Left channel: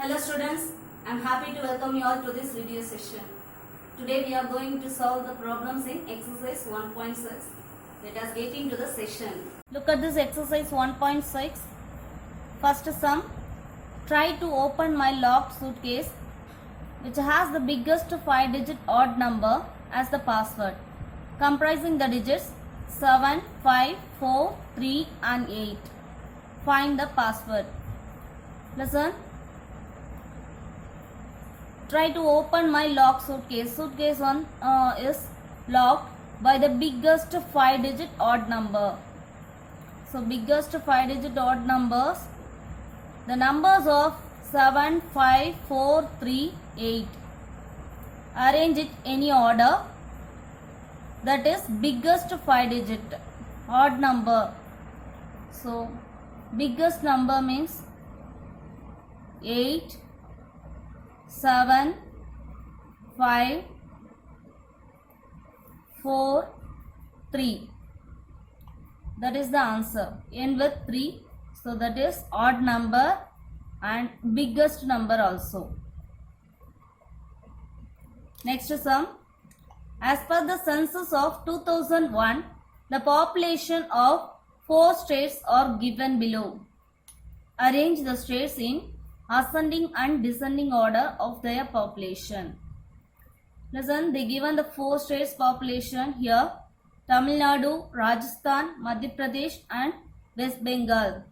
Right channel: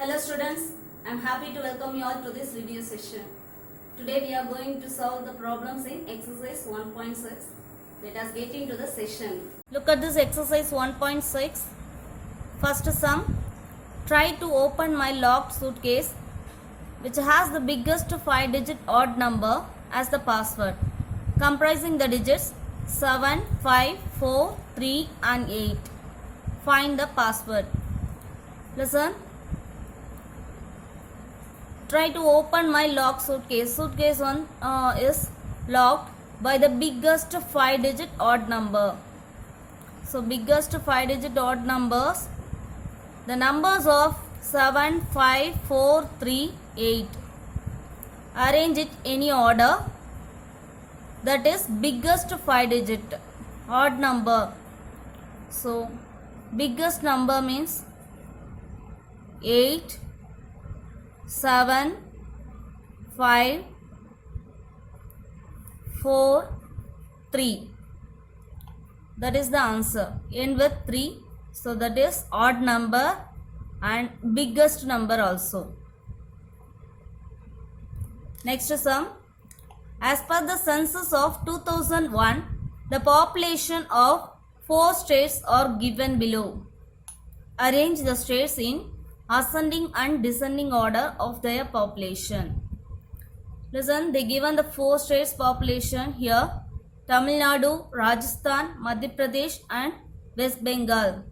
Hello students, I am happy to welcome you all to this video session. Today we are going to solve the problems in exercise 1.6. Let us get into the session. Look at this exercise 1.6. First sum. Try to open my locked suitcase which has the biggest 5-digit odd number as the password, comprising the digits 7, 5, 4, 3 and 8. Find the password. Listen. Try to open my locked suitcase. Suitcase one is locked by the biggest 5-digit odd number. So biggest 5-digit odd numbers. The numbers of 7, 5, 4, 3, 8. Arrange it any order. That is biggest 5-digit odd number. So biggest number means 8, 7, 5, 4, 3. That is the answer. End with 3. So that is odd number and biggest number also. Next sum. As per the census of 2001, the population of 4 states are given below. Arrange the states in ascending and descending order of their population. Listen, they given the 4 states population here: Tamil Nadu, Rajasthan, Madhya Pradesh and West Bengal.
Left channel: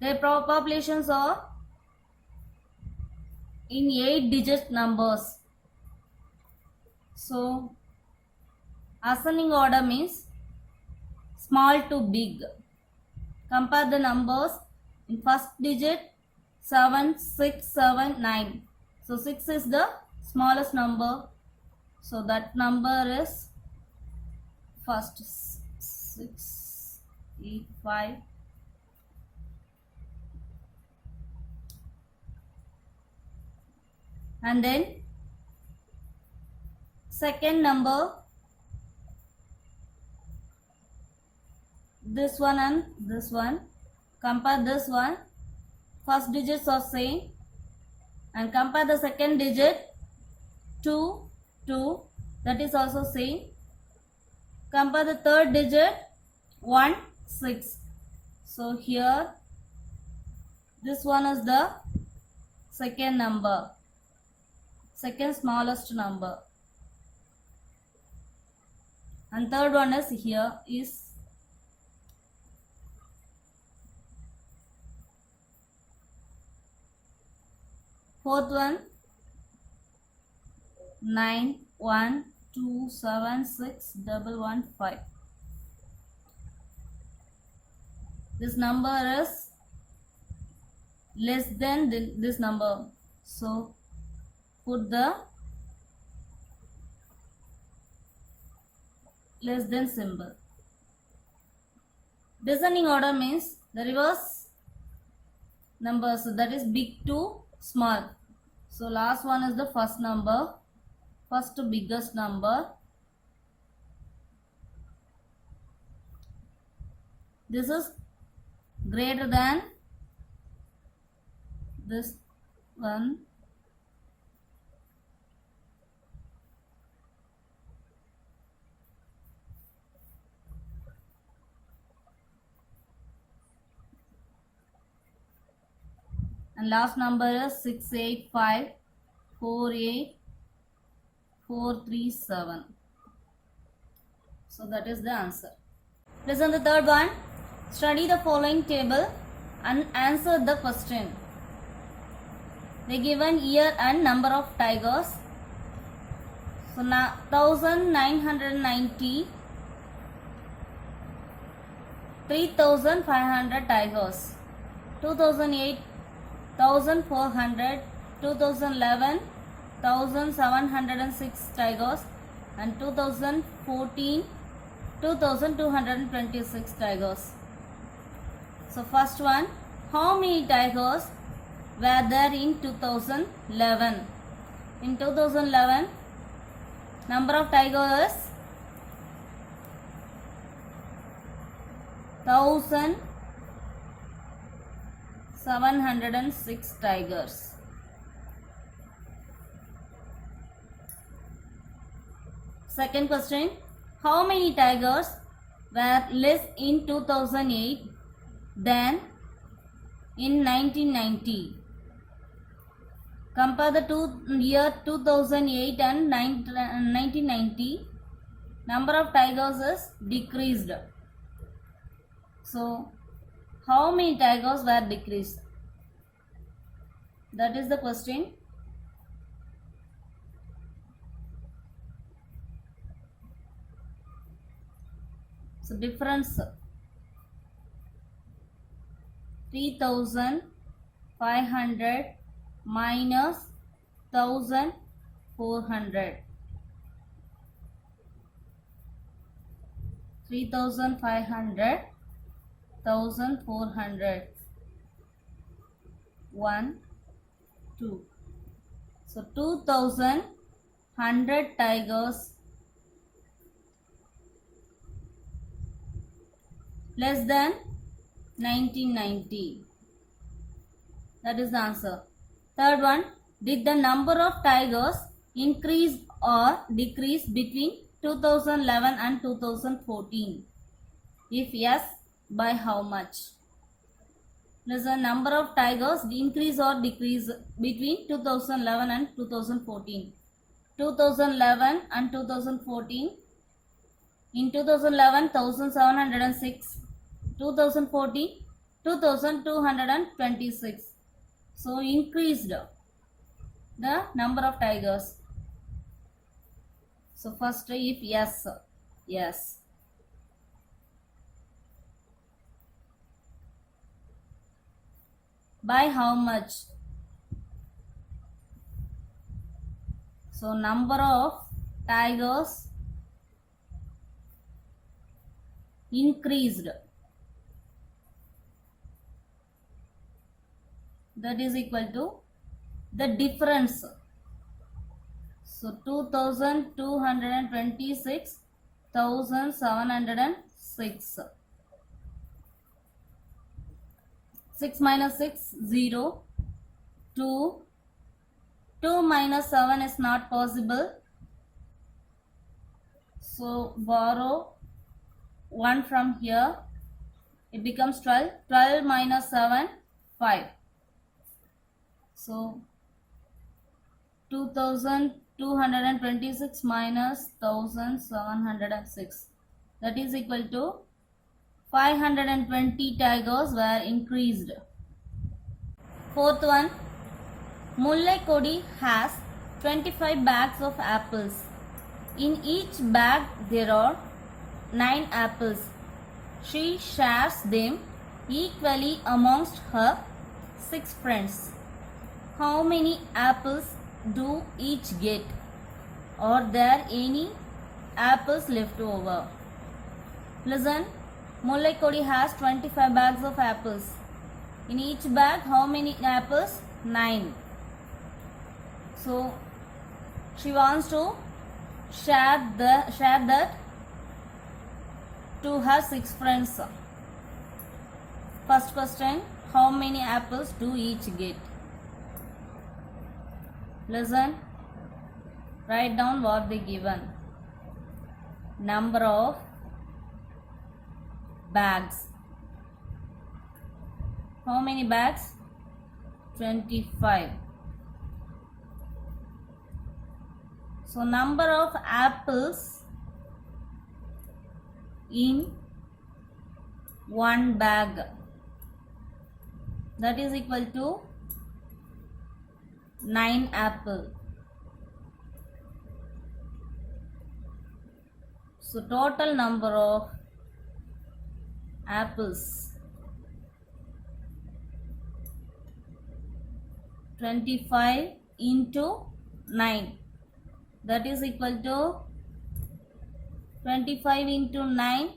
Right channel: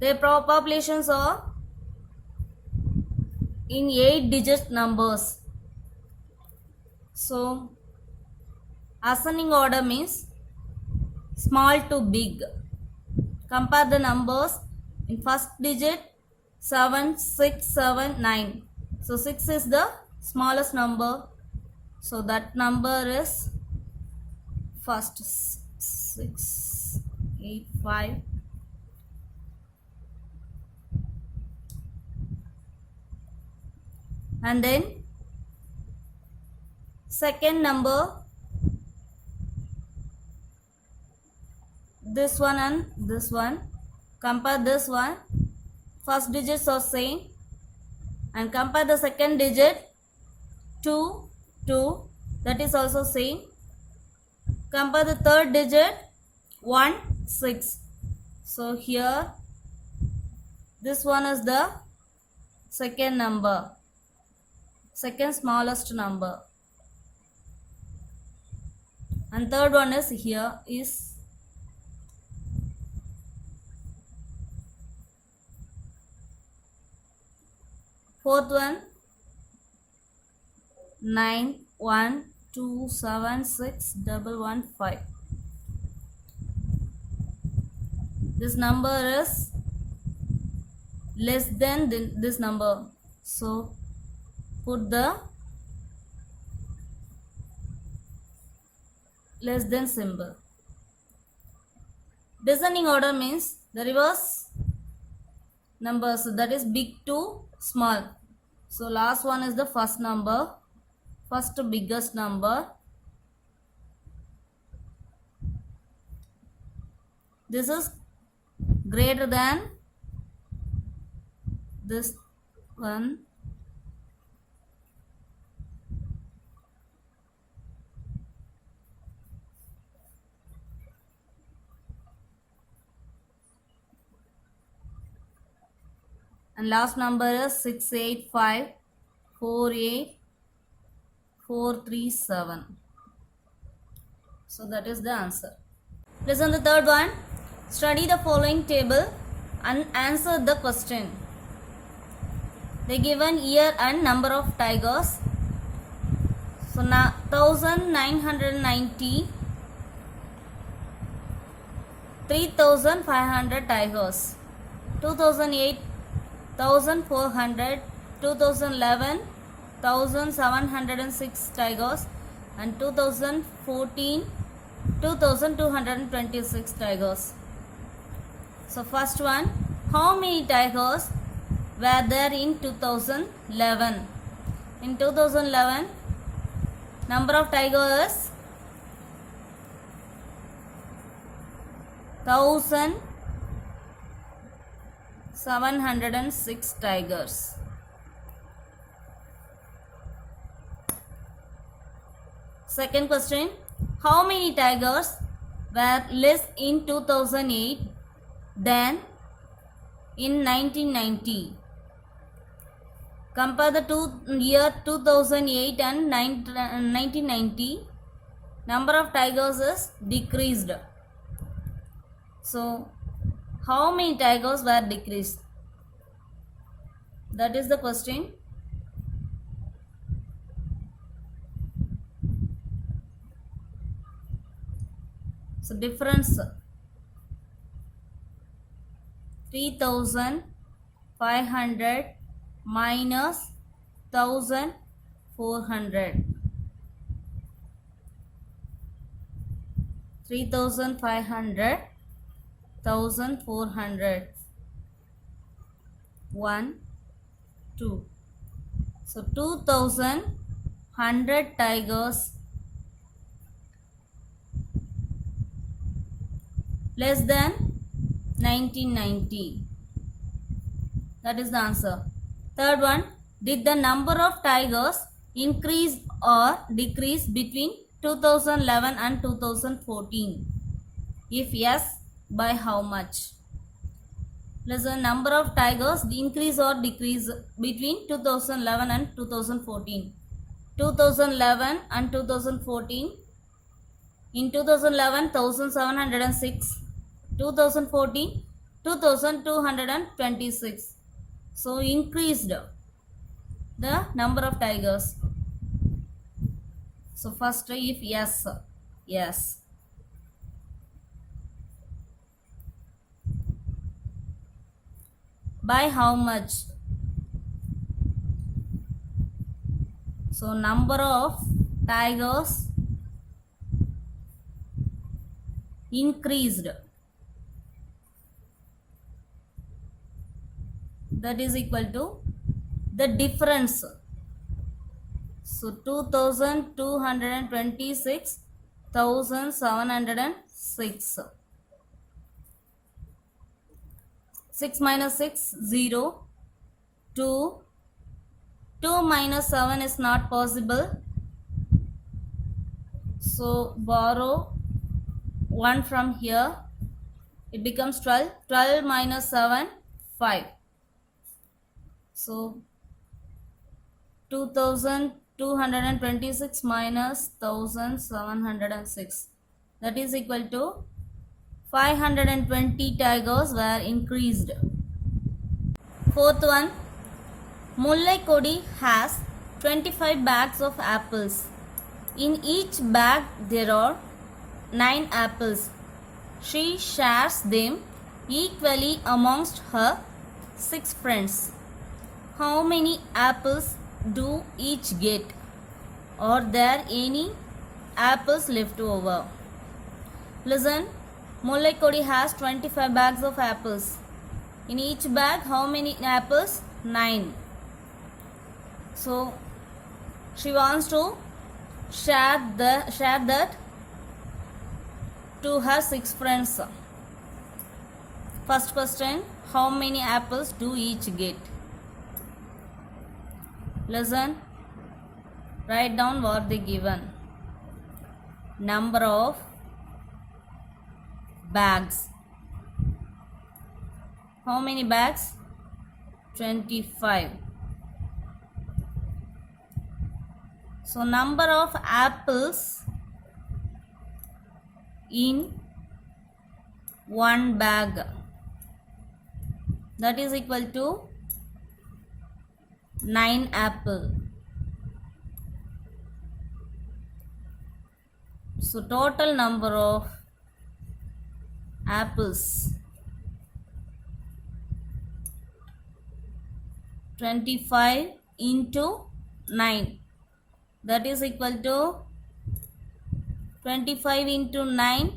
Their populations are in 8-digit numbers. So ascending order means small to big. Compare the numbers in first digit 7, 6, 7, 9. So 6 is the smallest number. So that number is first 6, 8, 5. And then second number, this one and this one. Compare this one. First digits are same. And compare the second digit 2, 2. That is also same. Compare the third digit 1, 6. So here this one is the second number. Second smallest number. And third one is here is fourth one 9, 1, 2, 7, 6, 1, 5. This number is less than this number. So put the less than symbol. Descending order means the reverse numbers. So that is big to small. So last one is the first number. First biggest number. This is greater than this one. And last number is 685 48 437. So that is the answer. Listen the third one. Study the following table and answer the question. They given year and number of tigers. So now 1990, 3500 tigers. 2008, 1400, 2011, 1706 tigers, and 2014, 2226 tigers. So first one, how many tigers were there in 2011? In 2011, number of tigers 1000 706 tigers. Second question, how many tigers were less in 2008 than in 1990? Compare the year 2008 and 1990. Number of tigers is decreased. So, how many tigers were decreased? That is the question. So, difference 3500 minus 1400. 3500, 1400. 1, 2. So 2100 tigers less than 1990. That is the answer. Third one, did the number of tigers increase or decrease between 2011 and 2014? If yes, by how much? Does the number of tigers increase or decrease between 2011 and 2014? 2011 and 2014. In 2011, 1706. 2014, 2226. So increased the number of tigers. So first try if yes, yes. By how much? So number of tigers increased. That is equal to the difference. So 2226, 1706. 6 minus 6, 0. 2. 2 minus 7 is not possible. So borrow 1 from here. It becomes 12. 12 minus 7, 5. So 2226 minus 1706. That is equal to 520 tigers were increased. Fourth one, Mullai Kodi has 25 bags of apples. In each bag there are 9 apples. She shares them equally amongst her 6 friends. How many apples do each get? Are there any apples left over? Listen, Mullai Kodi has 25 bags of apples. In each bag, how many apples? 9. So, she wants to share that to her 6 friends. First question, how many apples do each get? Listen, write down what they given. Number of bags. How many bags? 25. So number of apples in one bag, that is equal to 9 apple. So total number of apples 25 into 9, that is equal to 25 into 9,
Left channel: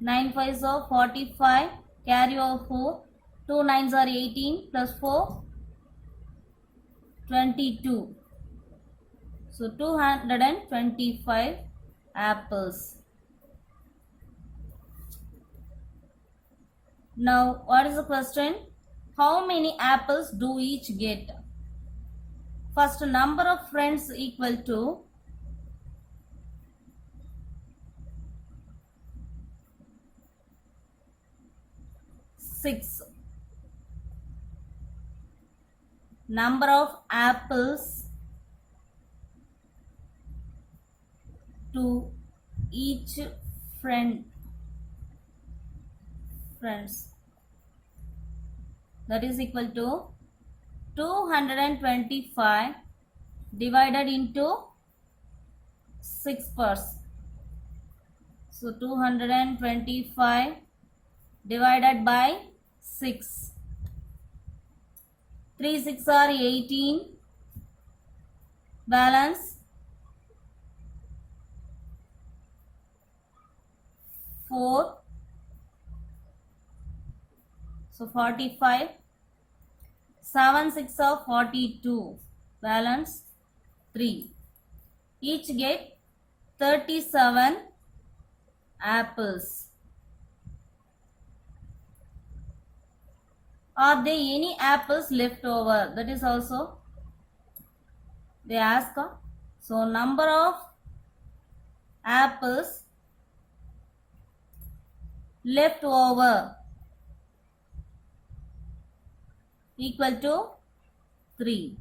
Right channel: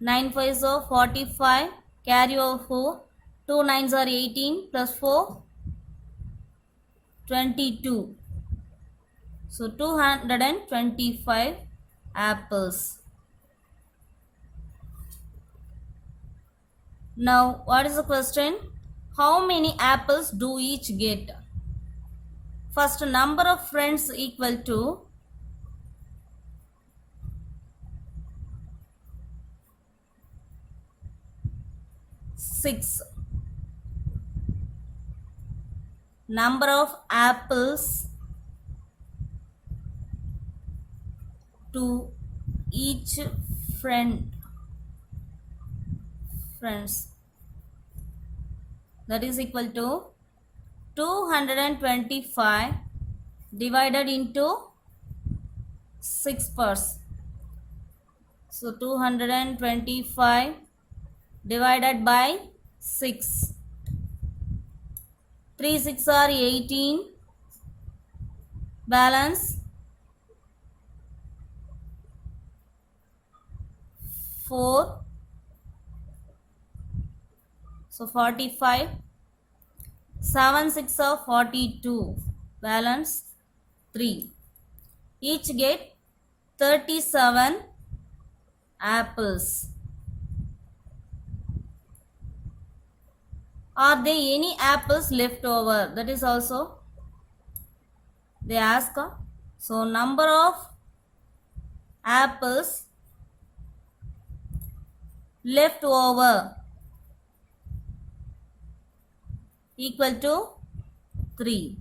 9 5s are 45, carry over 4, 2 9s are 18 plus 4, 22. So 225 apples. Now, what is the question? How many apples do each get? First, number of friends equal to 6. Number of apples to each friends, that is equal to 225 divided into 6 parts. So 225 divided by 6. 3 6 are 18. Balance 4. So 45. 7 6 are 42. Balance 3. Each get 37 apples. Are there any apples left over? That is also they ask. So number of apples left over equal to 3.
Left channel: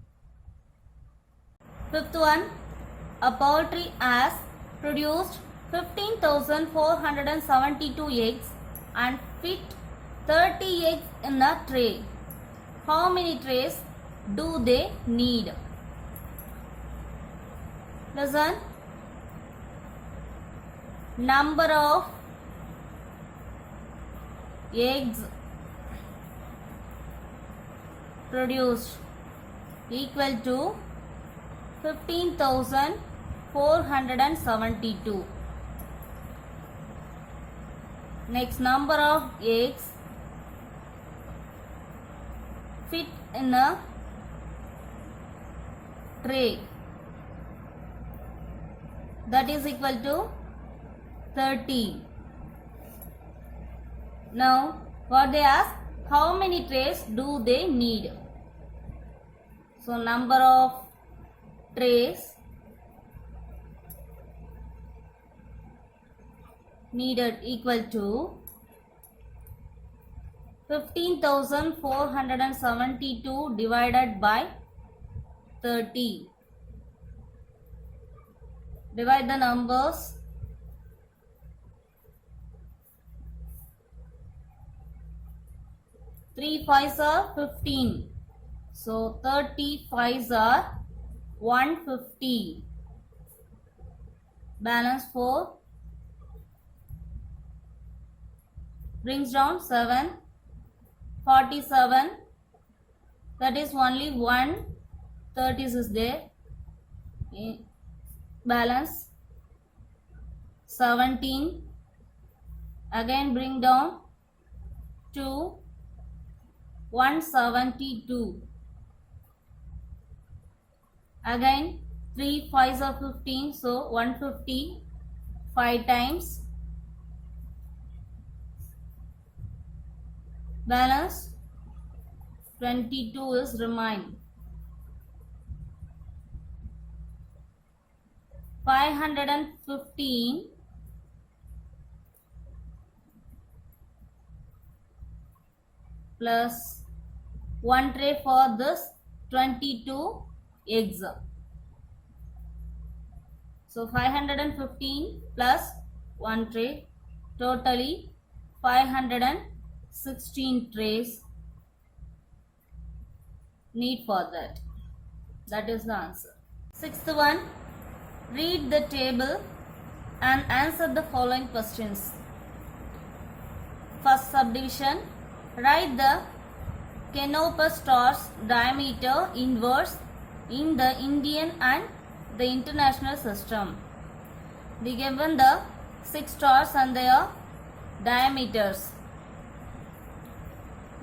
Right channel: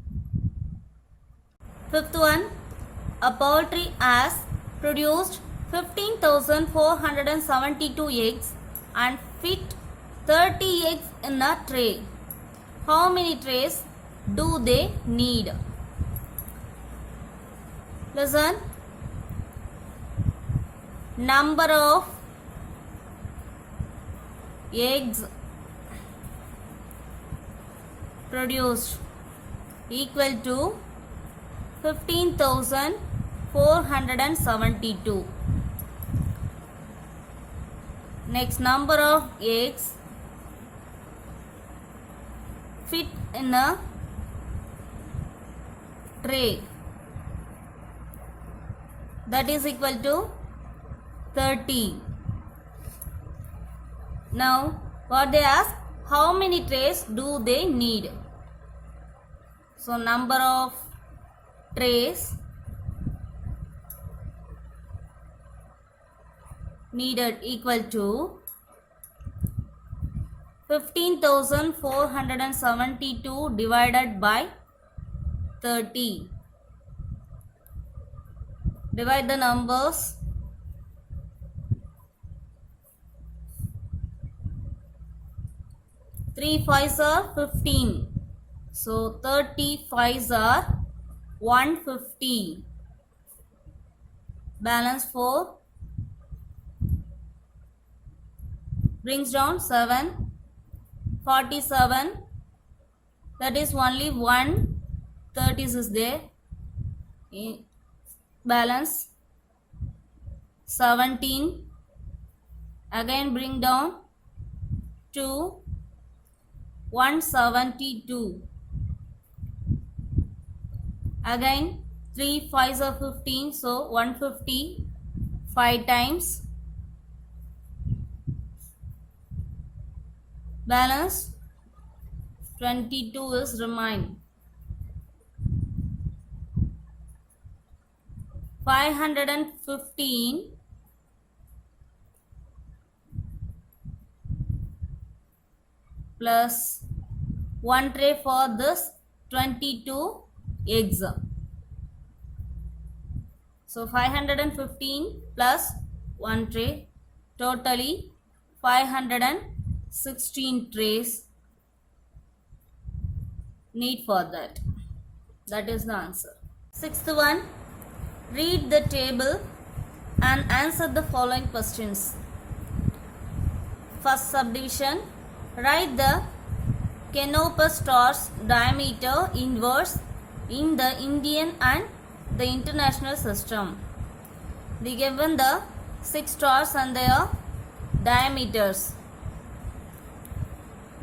Fifth one, a poultry has produced 15,472 eggs and fit 30 eggs in a tray. How many trays do they need? Listen. Number of eggs produced equal to 15,472. Next, number of eggs fit in a tray, that is equal to 30. Now, what they ask, how many trays do they need? So, number of trays needed equal to 15,472 divided by 30. Divide the numbers. 3 5s are 15. So 30 5s are 150. Balance 4. Brings down 7. 47. That is only 1 30s is there. Balance 17. Again bring down 2. 172. Again 3 5s are 15. So 150 5 times. Balance 22 is remain. 515 plus 1 tray for this 22 eggs. So 515 plus 1 tray, totally 516 trays need for that. That is the answer. Sixth one, read the table and answer the following questions. First subdivision, write the Canopus stars diameter inverse in the Indian and the international system. They given the 6 stars and their diameters.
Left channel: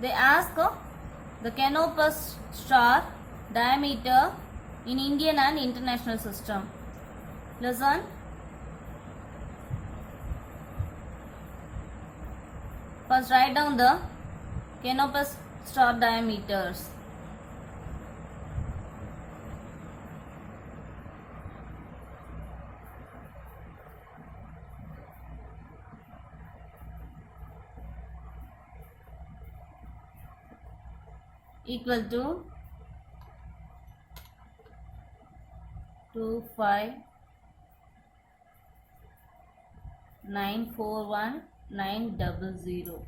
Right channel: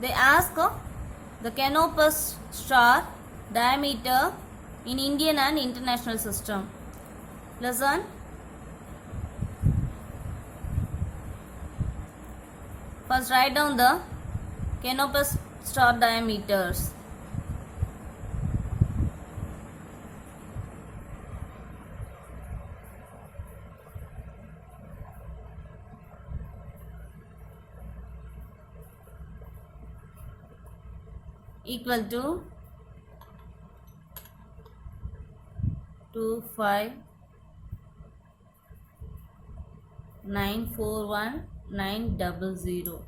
They ask the Canopus star diameter in Indian and international system. Listen. First write down the Canopus star diameters. Equal to 25941,900.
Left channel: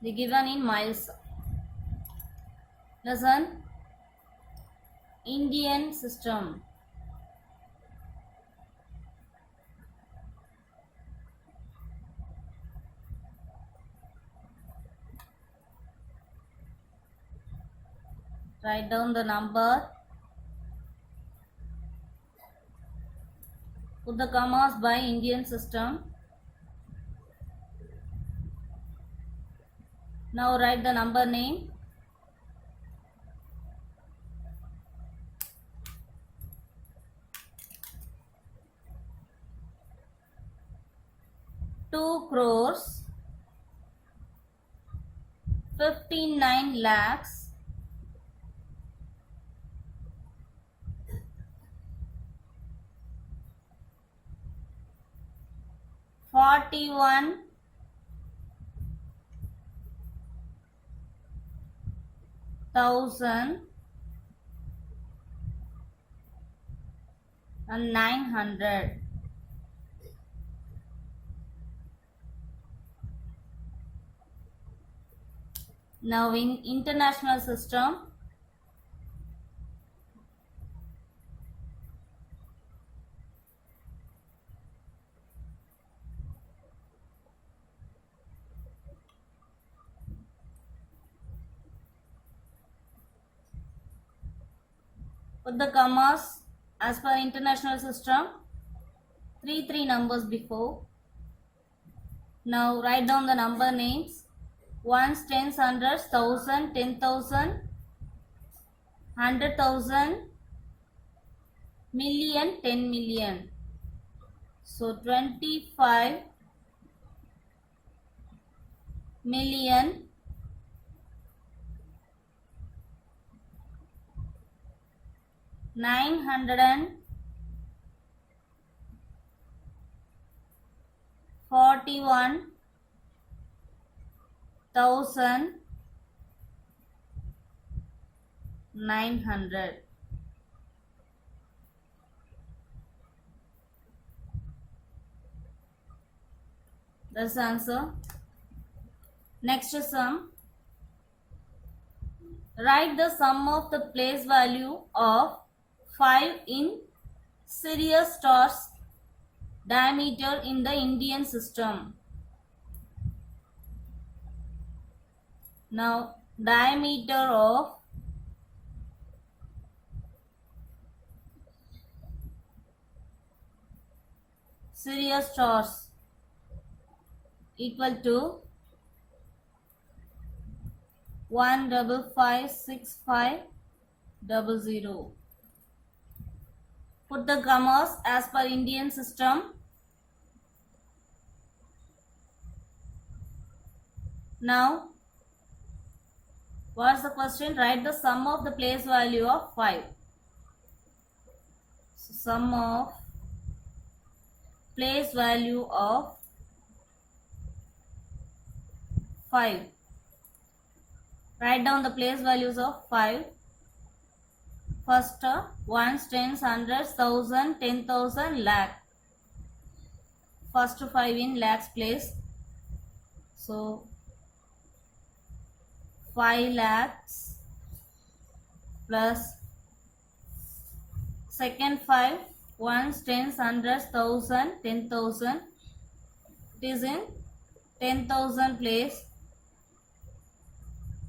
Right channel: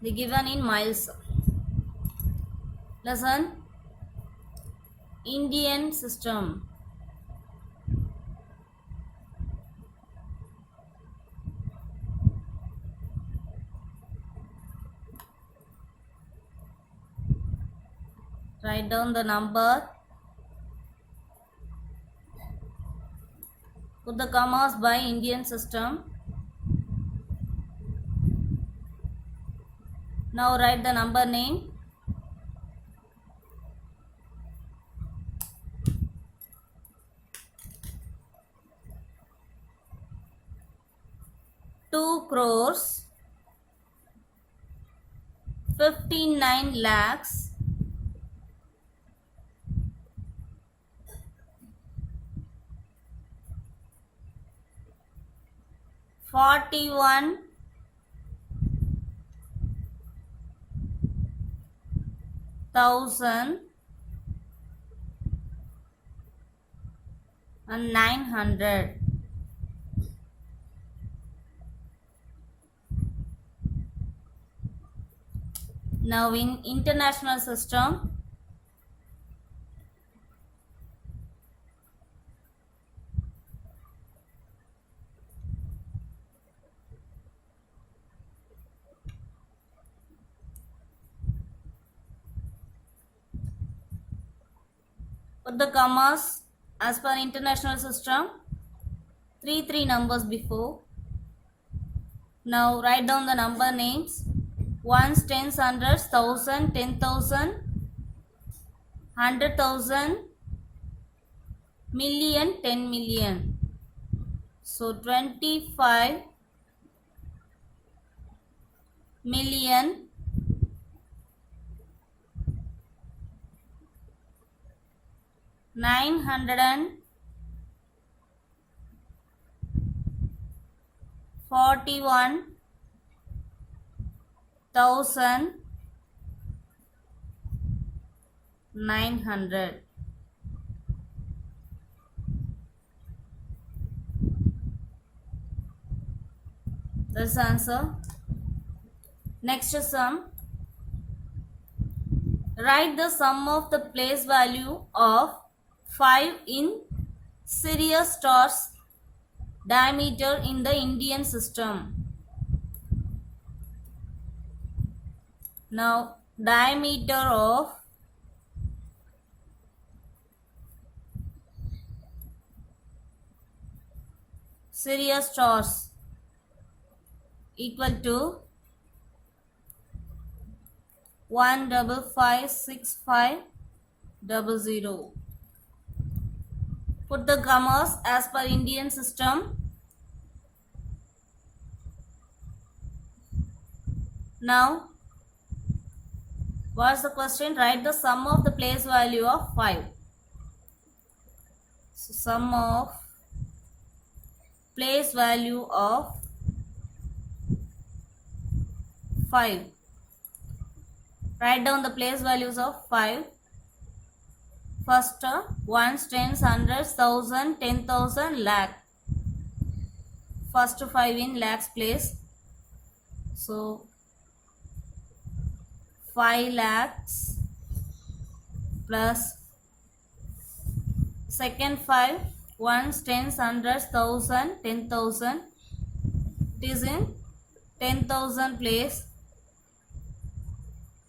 The given in miles. Lesson Indian system. Write down the number. Put the commas by Indian system. Now write the number name. Two crores 59 lakhs 41,900. Now in international system, put the commas as per international system, three numbers before. Now write down the number names. Ones, tens, hundreds, 1,000, 10,000, 100,000, million, 10 million. So 25 million 941,900. That's the answer. Next sum. Write the sum of the place value of 5 in Sirius stars diameter in the Indian system. Now diameter of Sirius stars equal to 1556500. Put the commas as per Indian system. Now what's the question? Write the sum of the place value of 5. So sum of place value of 5. Write down the place values of 5. First, ones, tens, hundreds, 1,000, 10,000, lakh. First 5 in lakhs place. So 5 lakhs plus second 5, ones, tens, hundreds, 1,000, 10,000. It is in 10,000 place.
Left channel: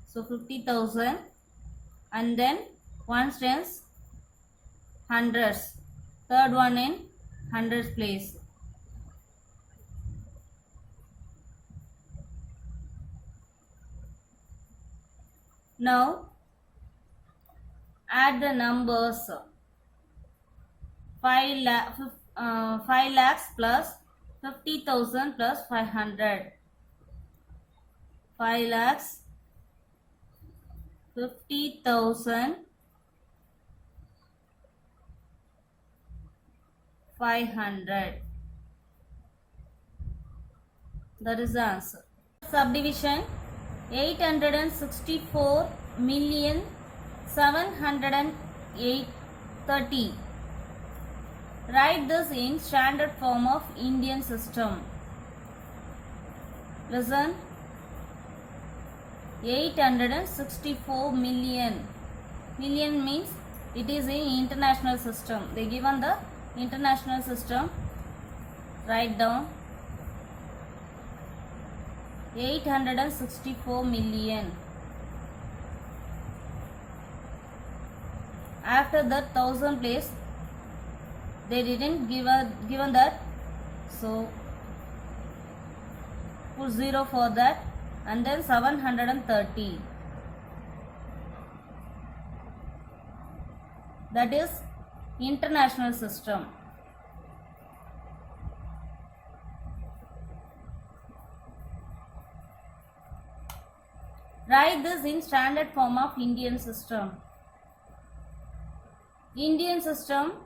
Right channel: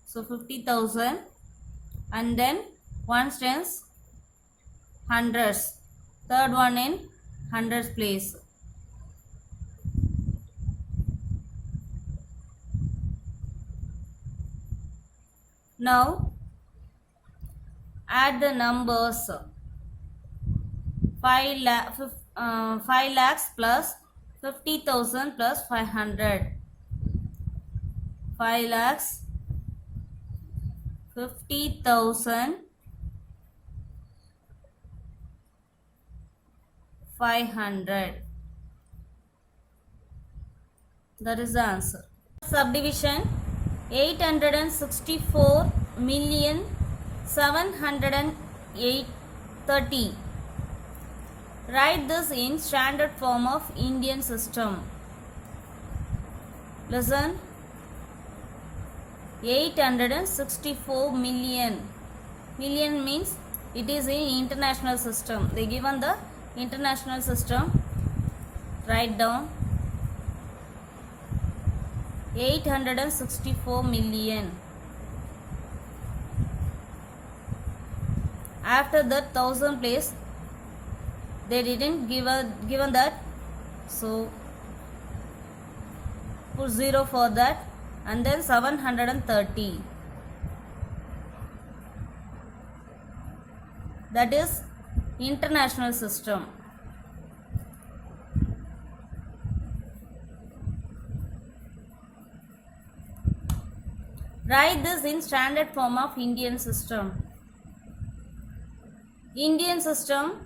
So 50,000, and then ones, tens, hundreds. Third one in hundreds place. Now add the numbers. 5 lakhs plus 50,000 plus 500. 5,50,500. That is the answer. Subdivision 864,708,30. Write this in standard form of Indian system. Listen. 864 million. Million means it is in international system. They given the international system. Write down 864 million. After that 1000 place, they didn't given that, so put 0 for that, and then 730. That is international system. Write this in standard form of Indian system. Indian system,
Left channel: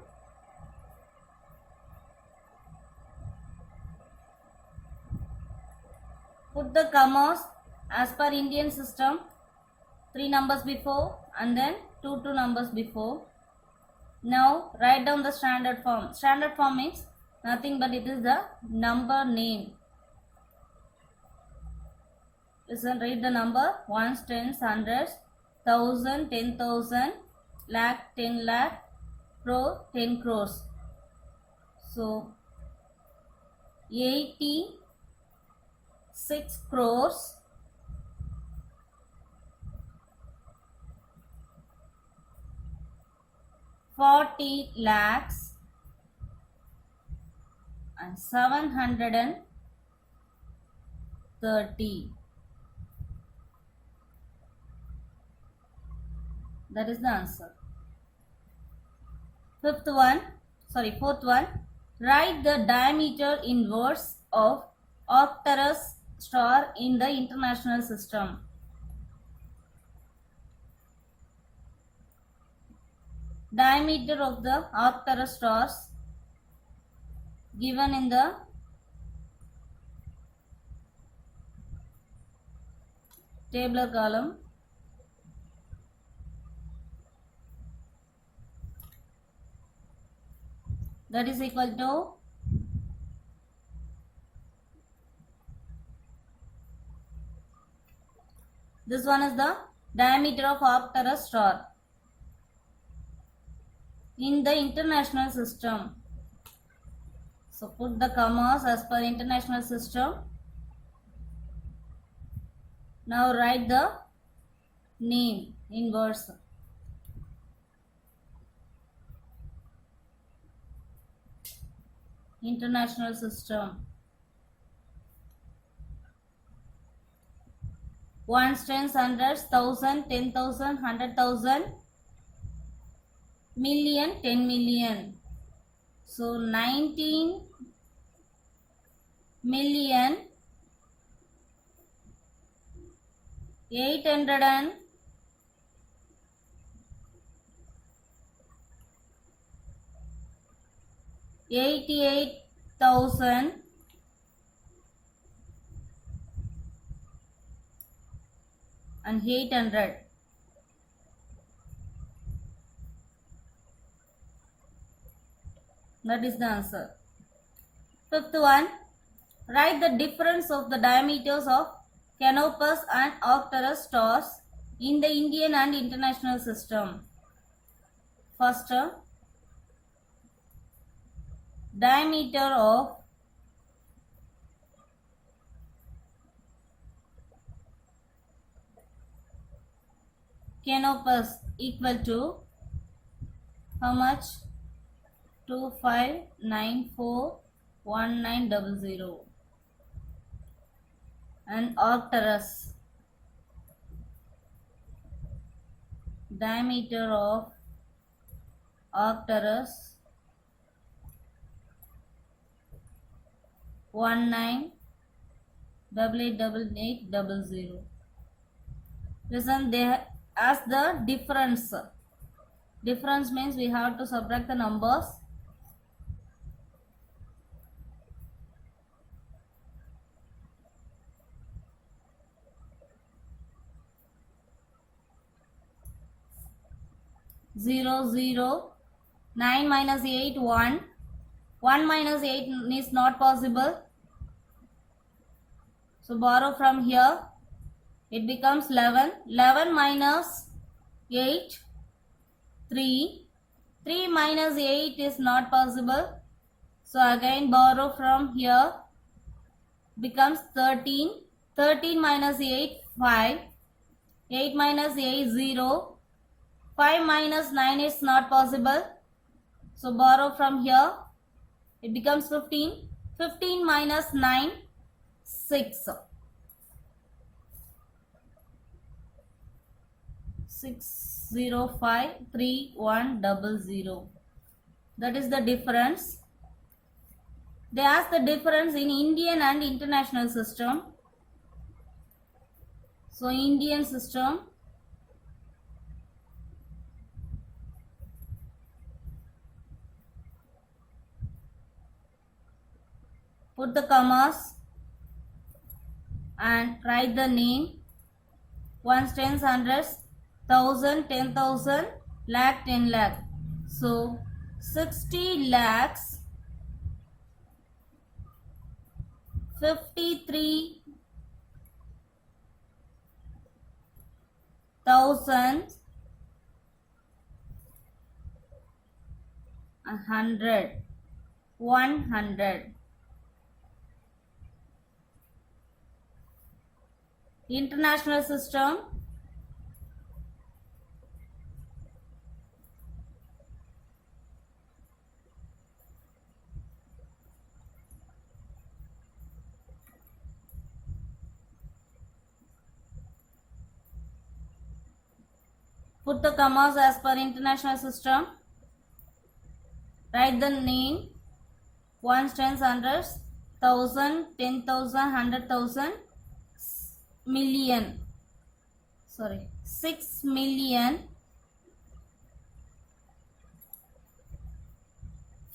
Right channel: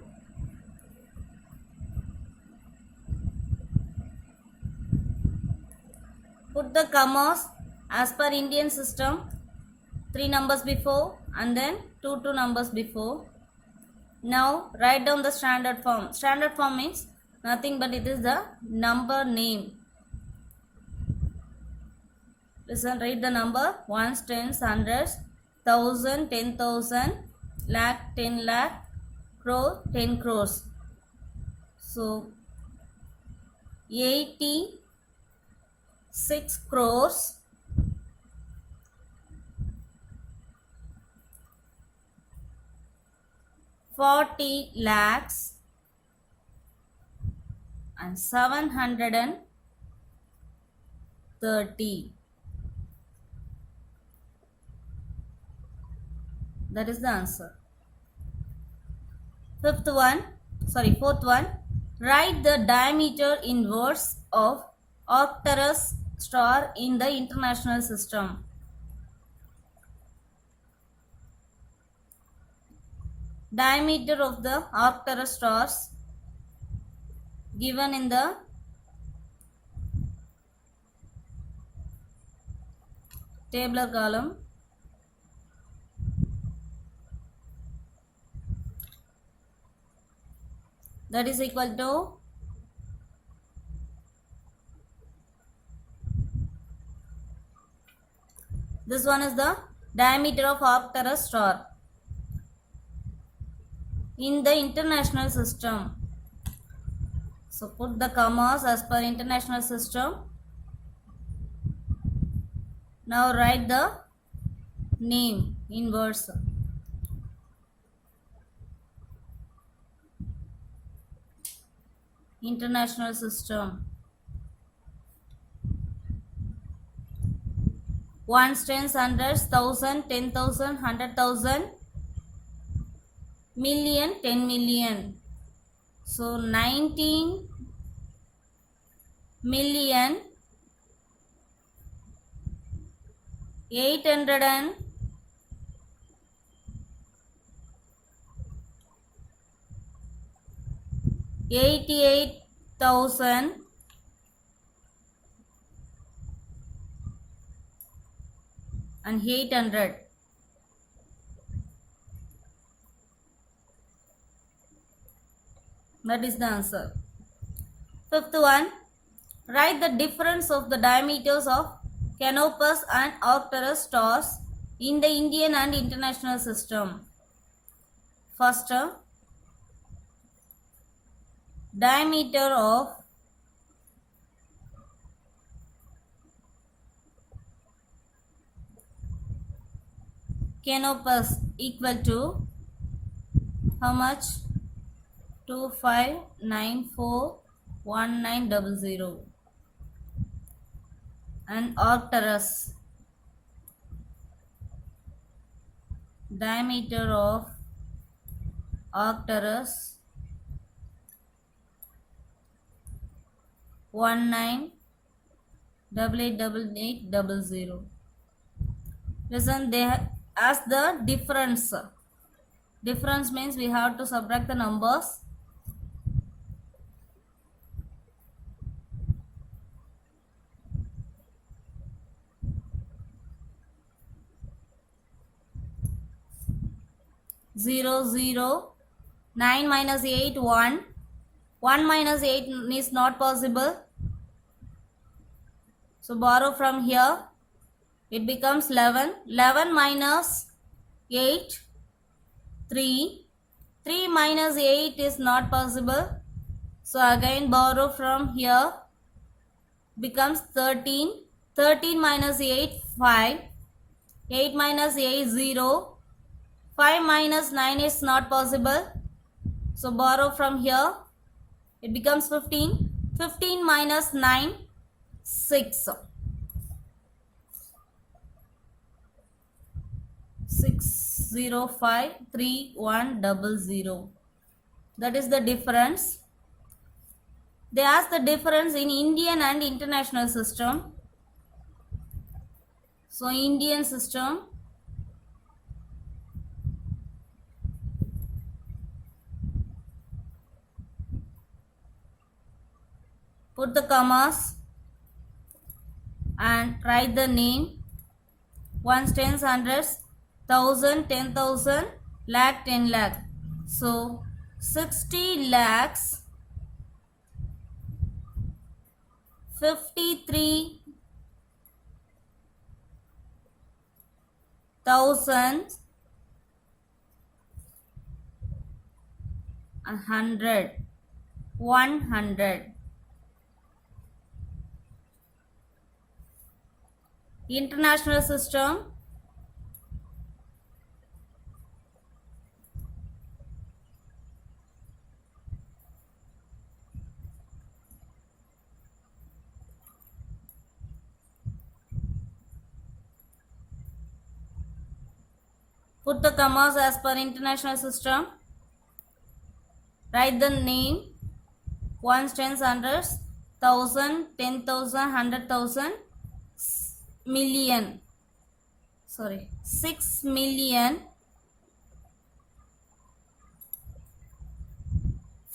put the commas as per Indian system, 3 numbers before and then 2 numbers before. Now write down the standard form. Standard form means nothing but it is the number name. Listen, write the number ones, tens, hundreds, thousand, 10,000, lakh, 10 lakh, crore, 10 crores. So 86 crores 40 lakhs and 730. That is the answer. Fourth one. Write the diameter inverse of Arcturus star in the international system. Diameter of the Arcturus stars given in the tabular column. That is equal to this one is the diameter of Arcturus star in the international system. So put the commas as per international system. Now write the name inverse. International system. Ones, tens, hundreds, 1,000, 10,000, 100,000, million, 10 million. So 19 million 888,000 and 800. That is the answer. Fifth one, write the difference of the diameters of Canopus and Arcturus stars in the Indian and international system. First, diameter of Canopus equal to how much? 25941900. And Arcturus, diameter of Arcturus 19 888800. Listen, they ask the difference. Difference means we have to subtract the numbers. Zero, zero. 9 minus 8, 1. 1 minus 8 is not possible. So borrow from here. It becomes 11. 11 minus 8, 3. 3 minus 8 is not possible. So again borrow from here. Becomes 13. 13 minus 8, 5. 8 minus 8, 0. 5 minus 9 is not possible. So borrow from here. It becomes 15. 15 minus 9, 6. 6053100. That is the difference. They ask the difference in Indian and international system. So Indian system, put the commas and write the name. Ones, tens, hundreds, 1000, 10,000, lakh, 10 lakh. So 60 lakhs, 53,000 100. 100. International system, put the commas as per international system. Write the name. Ones, tens, hundreds, 1000, 10,000, 100,000, million. 6 million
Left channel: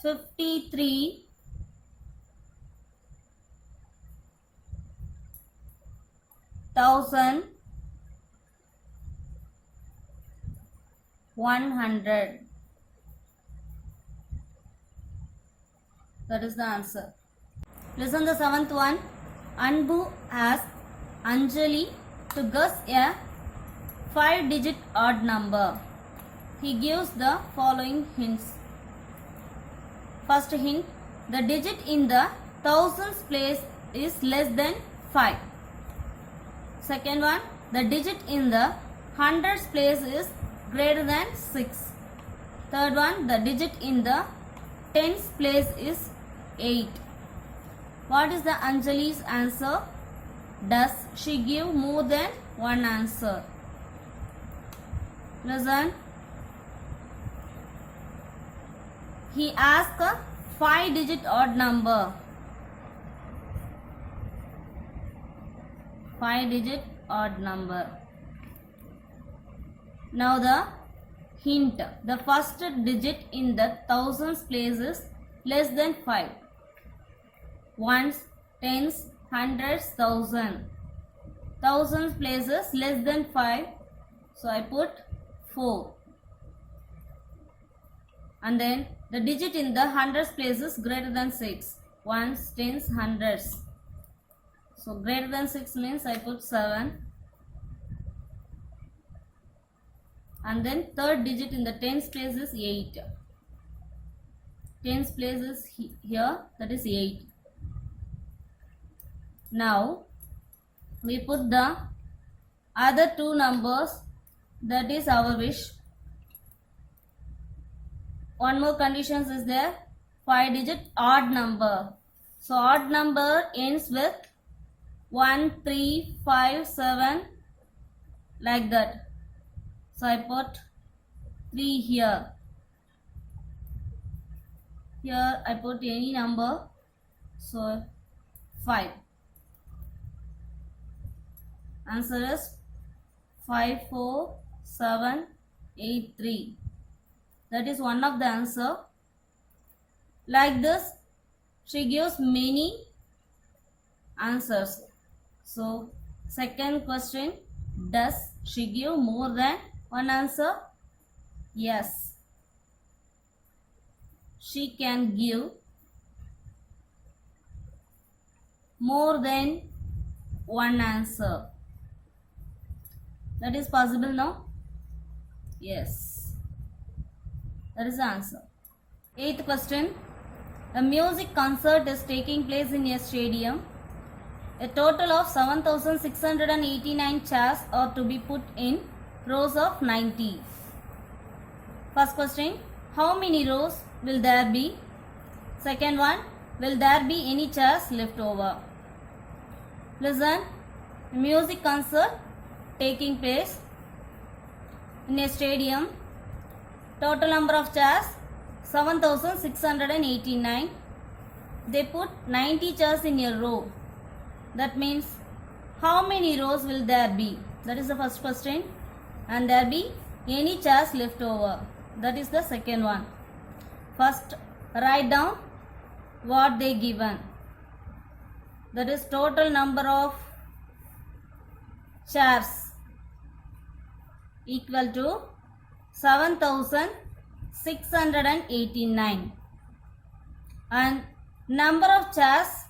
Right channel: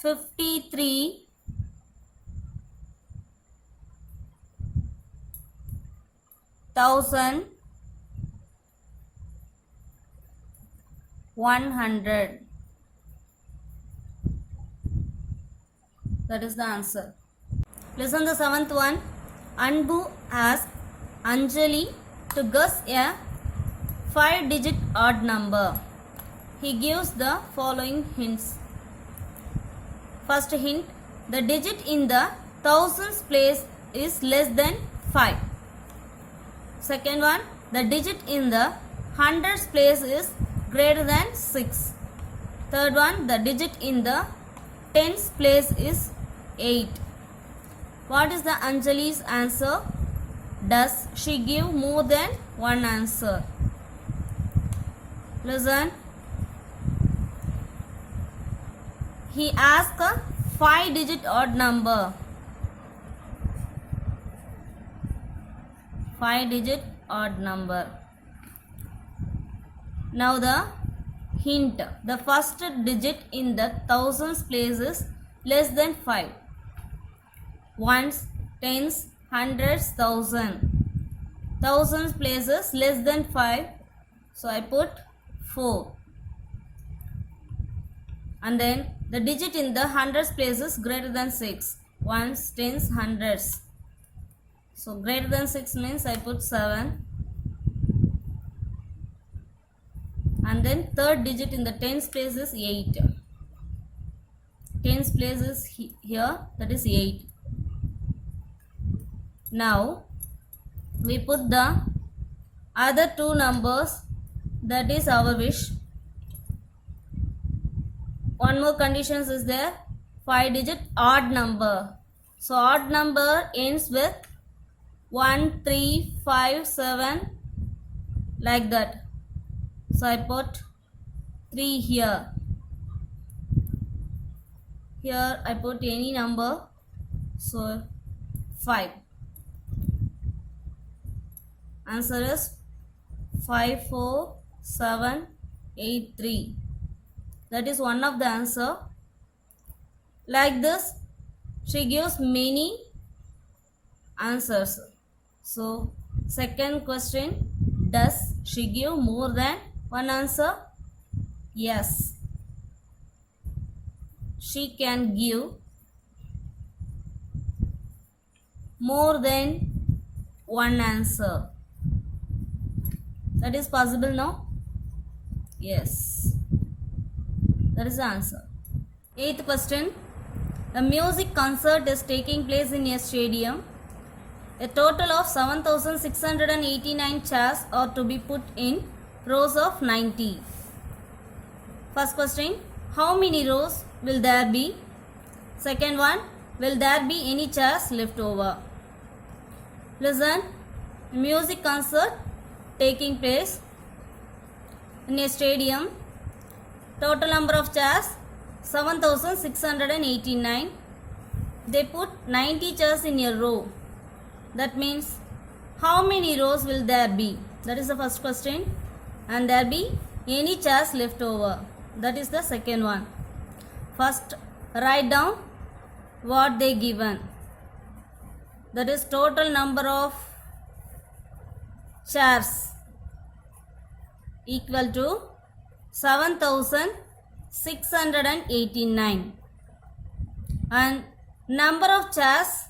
53,000 100. That is the answer. Listen the seventh one. Anbu asked Anjali to guess a 5-digit odd number. He gives the following hints. First hint, the digit in the thousands place is less than 5. Second one, the digit in the hundreds place is greater than 6. Third one, the digit in the tens place is 8. What is the Anjali's answer? Does she give more than one answer? Listen. He asked a 5-digit odd number. 5-digit odd number. Now the hint. The first digit in the thousands place is less than 5. Ones, tens, hundreds, thousand. Thousands places less than 5. So I put 4. And then the digit in the hundreds places greater than 6. Ones, tens, hundreds. So greater than 6 means I put 7. And then third digit in the tens place is 8. Tens place is here, that is 8. Now we put the other two numbers, that is our wish. One more condition is there, 5-digit odd number. So odd number ends with 1, 3, 5, 7 like that. So I put 3 here. Here I put any number. So 5. Answer is 54783. That is one of the answer. Like this, she gives many answers. So, second question, does she give more than one answer? Yes. She can give more than one answer. That is possible now? Yes. That is the answer. Eighth question. A music concert is taking place in a stadium. A total of 7,689 chairs are to be put in rows of 90. First question. How many rows will there be? Second one. Will there be any chairs left over? Listen. Music concert taking place in a stadium. Total number of chairs 7,689. They put 90 chairs in a row. That means how many rows will there be? That is the first question. And there be any chairs left over? That is the second one. First, write down what they given. That is total number of chairs equal to 7,689 and number of chairs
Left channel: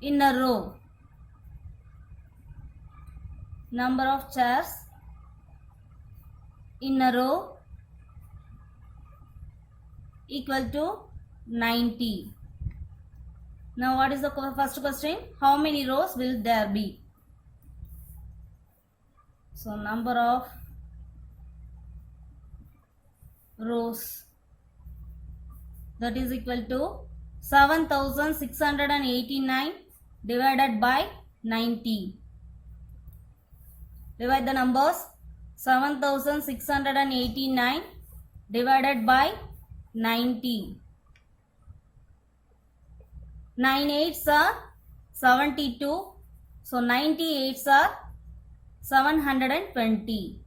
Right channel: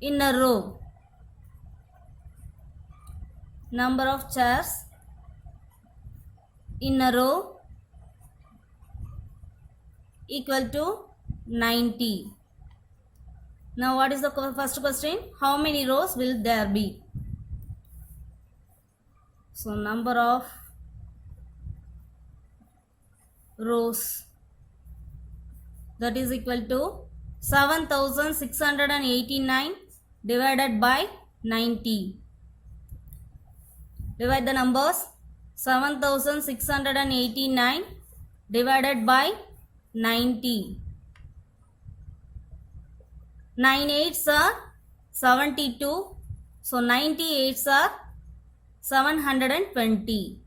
in a row. Number of chairs in a row equal to 90. Now what is the first question? How many rows will there be? So number of rows, that is equal to 7,689 divided by 90. Divide the numbers. 7,689 divided by 90. 9 8s are 72. So 98s are 720.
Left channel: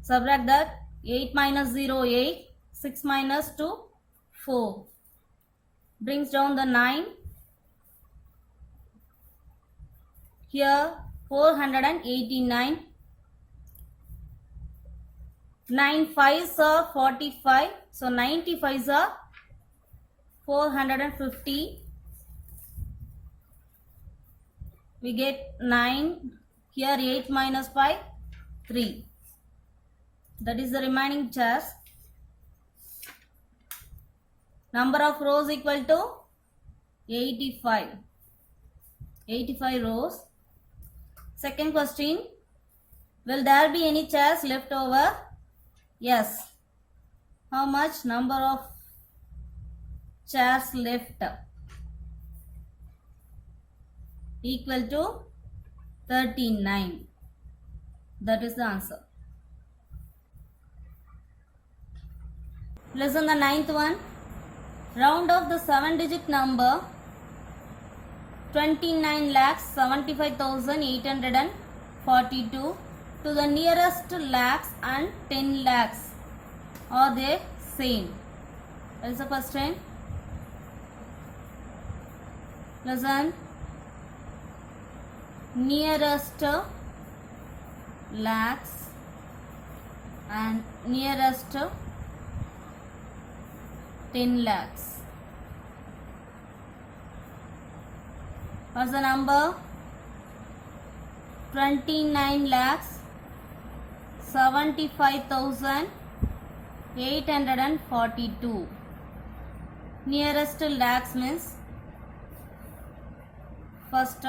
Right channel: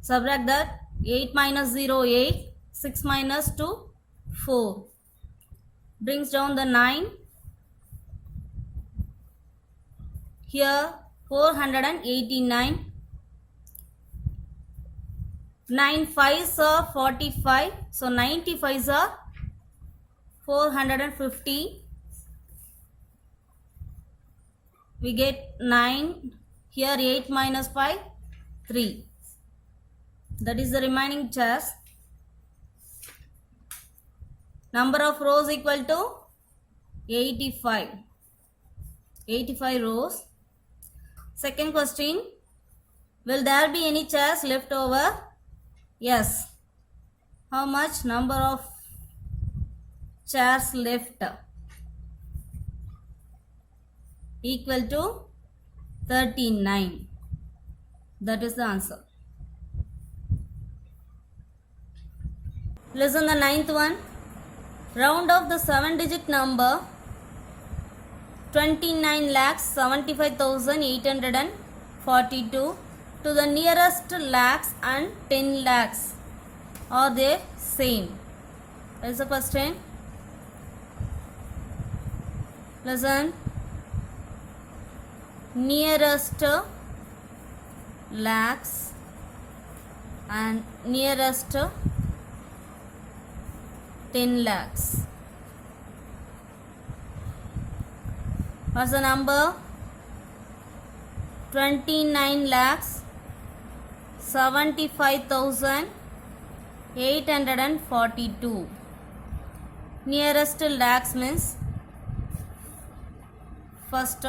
Subtract that. 8 minus 0, 8. 6 minus 2, 4. Brings down the 9. Here 489. 9 5s are 45. So 95s are 450. We get 9. Here 8 minus 5, 3. That is the remaining chairs. Number of rows equal to 85. 85 rows. Second question. Will there be any chairs left over? Yes. How much number of chairs left? Equal to 39. That is the answer. Listen the ninth one. Round off the 7-digit number 29,75,842 to the nearest lakhs and 10 lakhs. Are they same? That is the question. Listen. Nearest lakhs and nearest 10 lakhs. What's the number? 29 lakhs 75,842. Nearest lakhs means first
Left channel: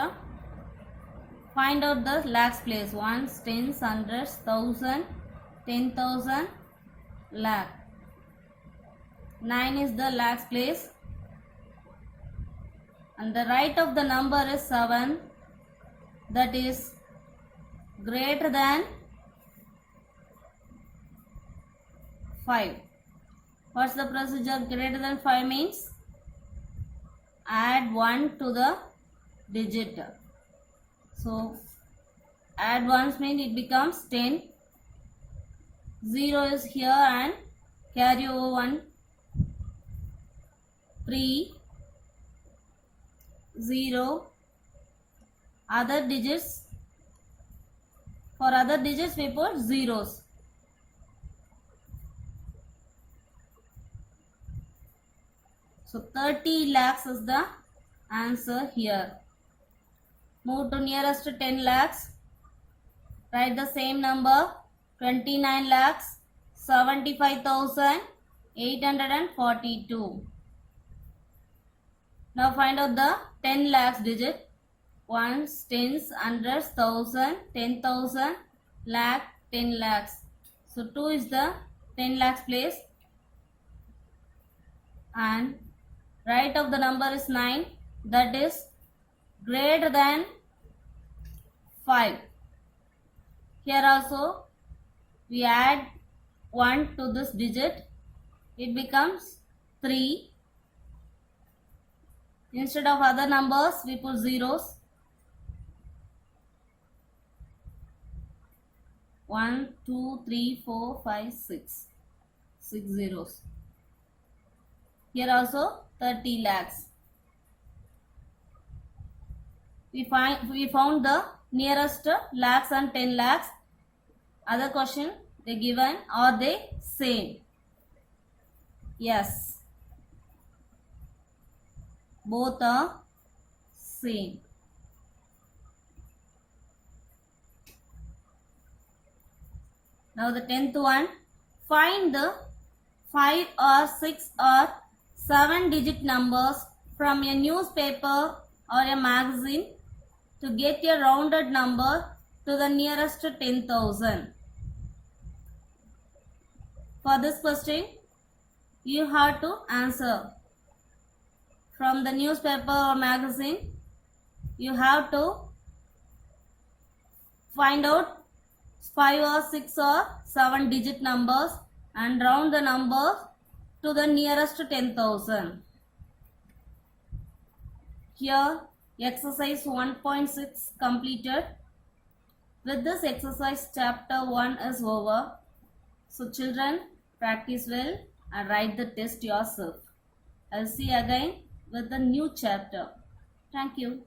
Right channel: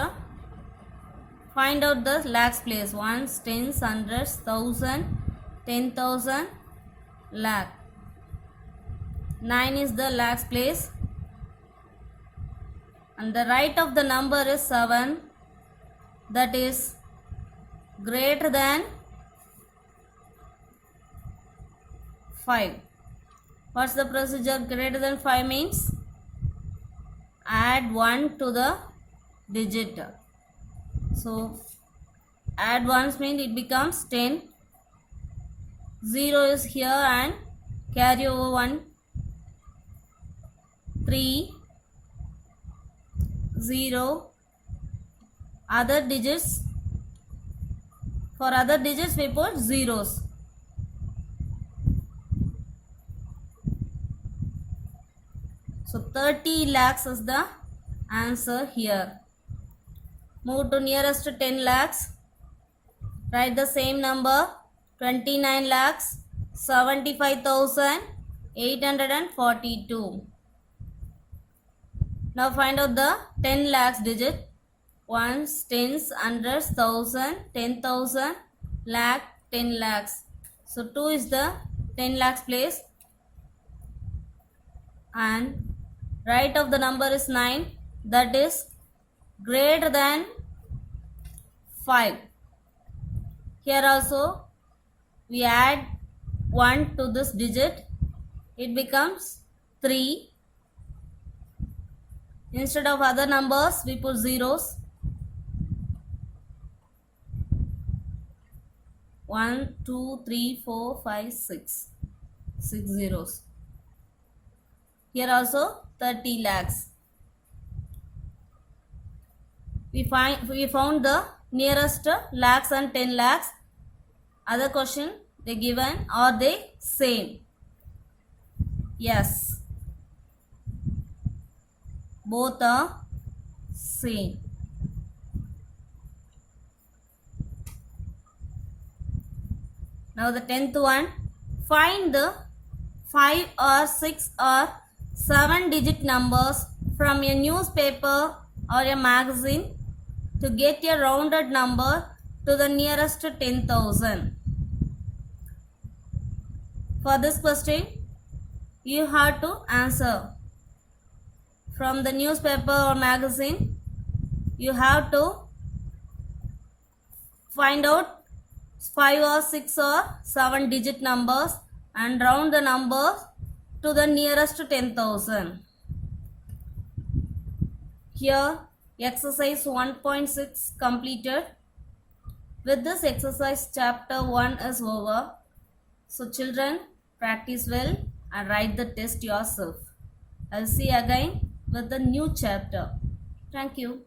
find out the lakhs place. Ones, tens, hundreds, thousand, 10,000, lakh. 9 is the lakhs place and the right of the number is 7, that is greater than 5. What's the procedure? Greater than 5 means add 1 to the digit. So Add ones means it becomes 10. 0 is here and carry over 1. 3, 0. Other digits, for other digits we put zeros. So 30 lakhs is the answer here. Move to nearest to 10 lakhs. Write the same number. 29 lakhs 75,842. Now find out the 10 lakhs digit. Ones, tens, hundreds, thousand, 10,000, lakh, 10 lakhs. So 2 is the 10 lakhs place. And right of the number is 9. That is greater than 5. Here also we add 1 to this digit. It becomes 3. Instead of other numbers we put zeros. 1, 2, 3, 4, 5, 6. 6 zeros. Here also 30 lakhs. We found the nearest lakhs and 10 lakhs. Other question they given, are they same? Yes. Both are same. Now the 10th one, find the 5 or 6 or 7 digit numbers from a newspaper or a magazine to get a rounded number to the nearest 10,000. For this question, you have to answer. From the newspaper or magazine, you have to find out 5 or 6 or 7 digit numbers and round the numbers to the nearest 10,000. Here exercise 1.6 completed. With this exercise chapter 1 is over. So children, practice well and write the test yourself. I'll see you again with the new chapter. Thank you.